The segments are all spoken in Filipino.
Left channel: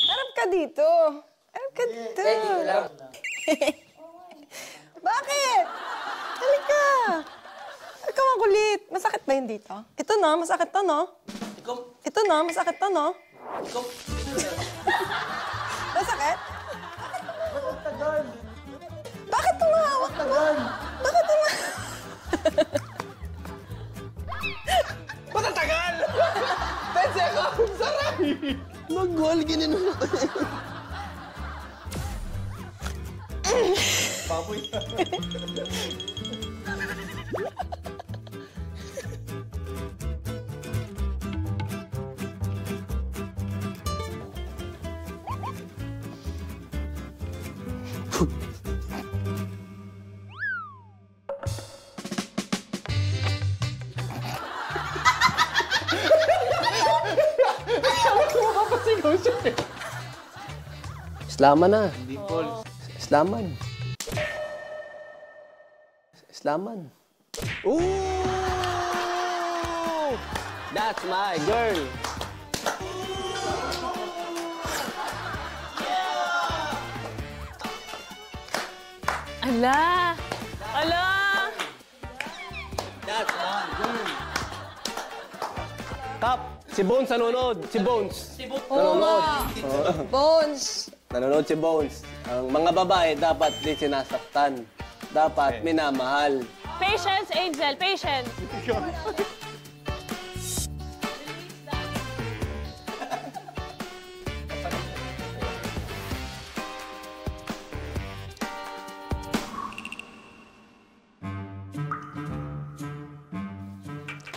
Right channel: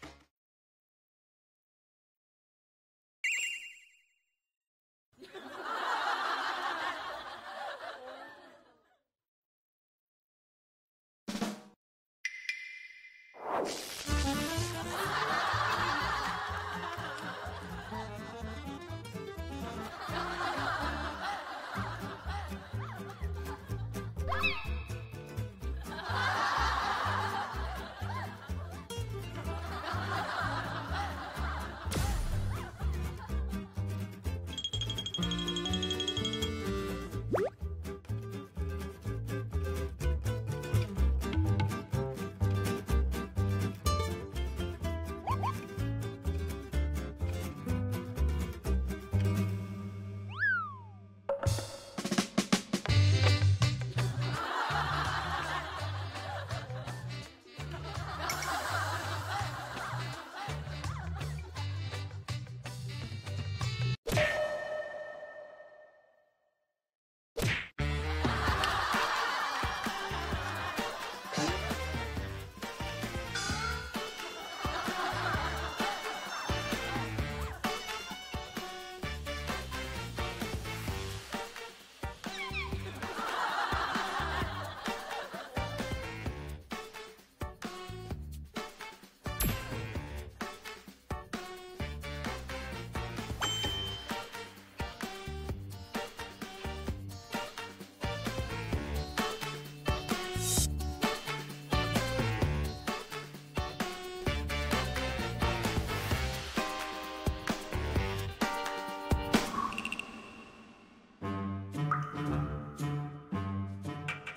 Harap ka dito. Harap ka dito. Dito lang. Bakit? Halika. Ikaw ang kulit. Masakit ba yun dito? Ito na, masakit to, no? Ito na, masakit to, no? Masakit? Bakit tumahawak ka ba? Bakit tumahawak? Matatagal! Kasi ako, sarap! Mag-wall, ganyan naman. Papoy. Islaman na. Islaman. Islaman. Ooh! That's my girl. Ala! Ala! Kap, si Bones nanonood. Si Bones. Oo nga. Bones. Nanonood si Bones. Ang mga babae dapat di sinasaktan. Dapat minamahal. Patience, Angel. Patience.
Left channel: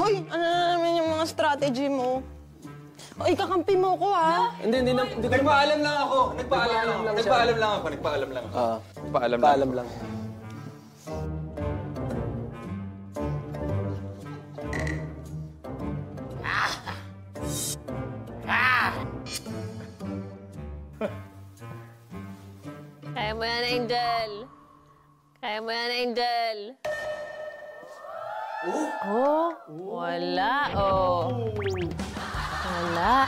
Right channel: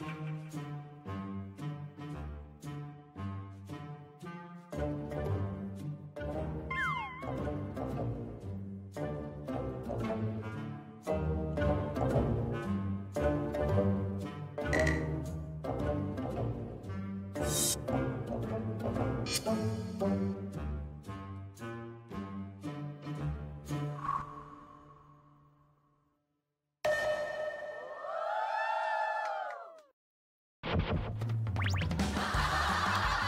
Hoy, ano na naman yung mga strategy mo? O, ikakampi mo ko, ha? Hindi ko. Nagpaalam lang ako. Nagpaalam lang ako. Paalam lang. Kaya mo yan, Angel. Kaya mo yan, Angel. Oh, wala, oh. Wala.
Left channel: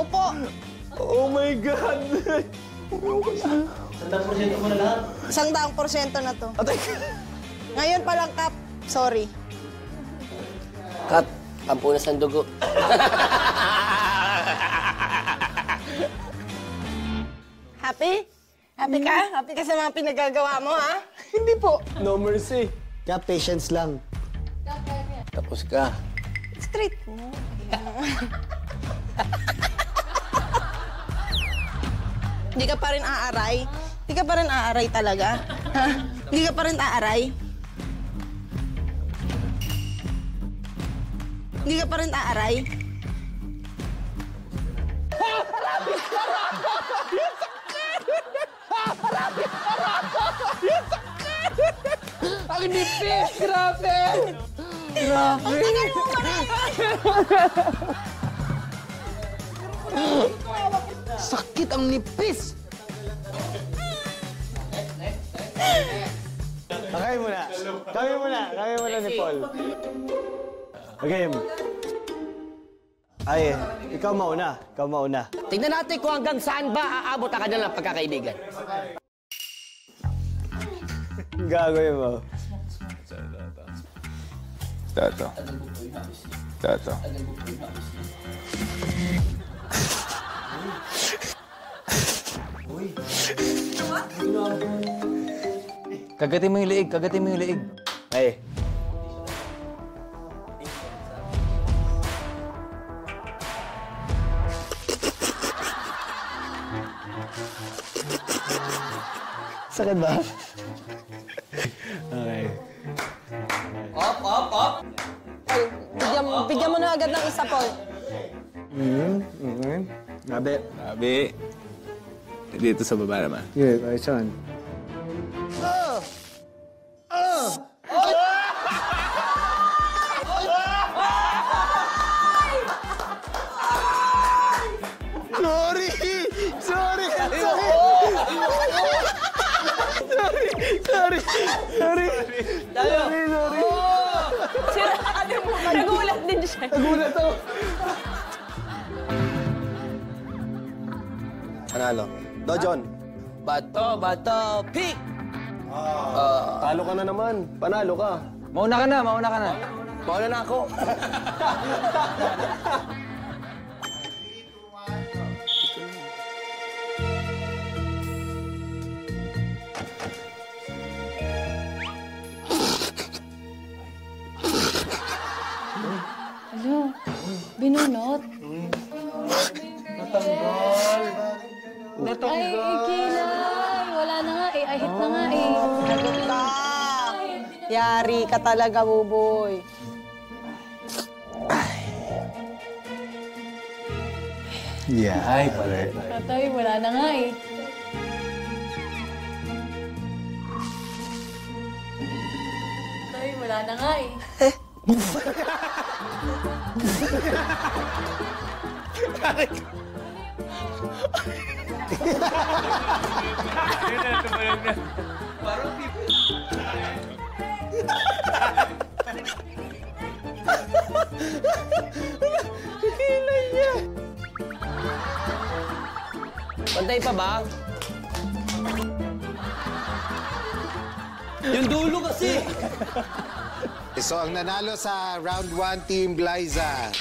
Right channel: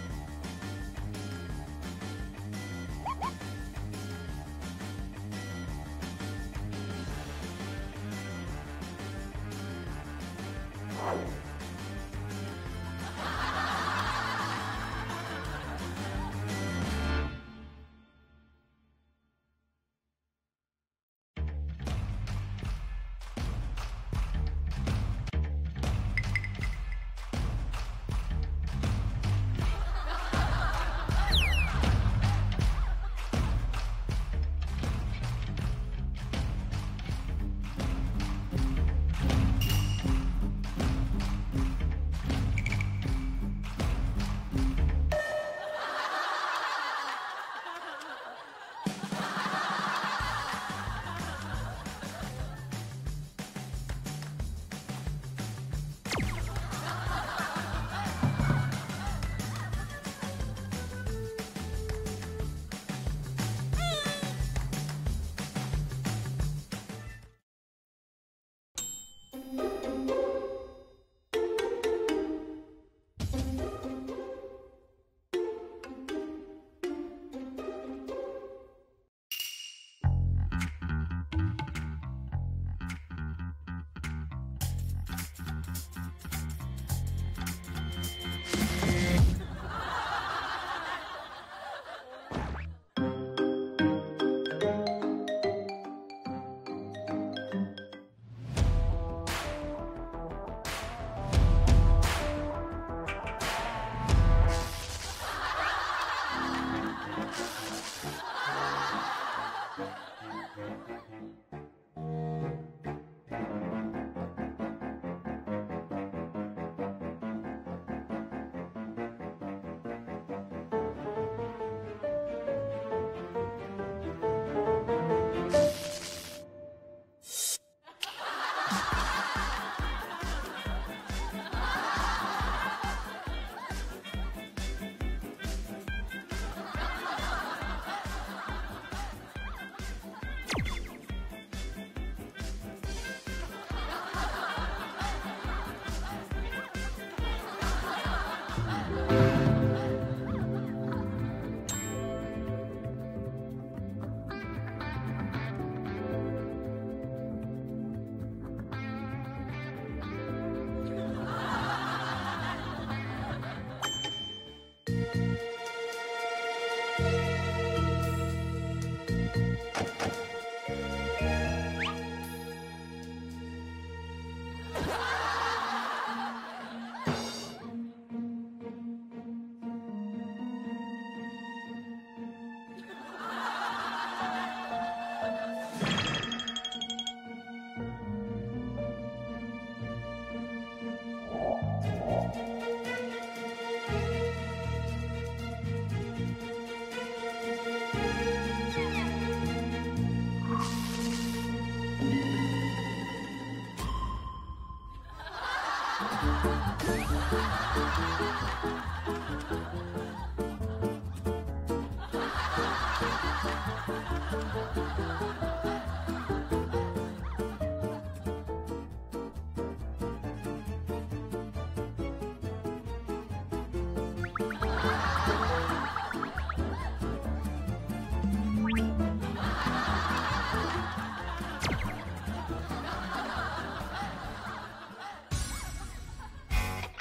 Upo. Oh my God! 100% mo na lahat. 100% na to. Ngayon pa lang, Kap. Sorry. Kat, kampunas ng dugo. Happy? Happy ka? Happy ka sa mga pinagagawa mo, ha? Hindi po. No mercy. Kaya patience lang. Tapos ka. Straight mo. Hindi ka pa rin aaray? Hindi ka pa rin aaray talaga? Ha? Hindi ka pa rin aaray? Hindi ka pa rin aaray? Ang nipis! Grabe! Grabe! Sakit ang nipis! Kami muna ni Paul. Okay. Ay, ikaw mauna. Tingnan natin kung hanggang saan ba aabot ang kanilang pagkakaibigan. Gagawin mo. Tato. Kagatin mo yung liig. Ay. Sakit ba? Okay. Up. Bigyan mo na agad ng isa, Paul. Grabe. Sabi, dito sa baba naman. Good, ayos yan. Tayo! Sira ate mo. Nagulat din siya. Panalo. Dojon. Bato, pick! Talo ka na naman. Panalo ka. Mauna ka na. Mauna na ako. Binunot. Ay, kilay. Wala na nga eh. Ahit na nga eh. Yari ka talaga, Buboy. Yeah. Ay, pare. Patay, wala na nga eh. Patay, wala na nga eh. Pantay pa ba? Yung dulo kasi. So, ang nanalo sa round 1, Team Glyza.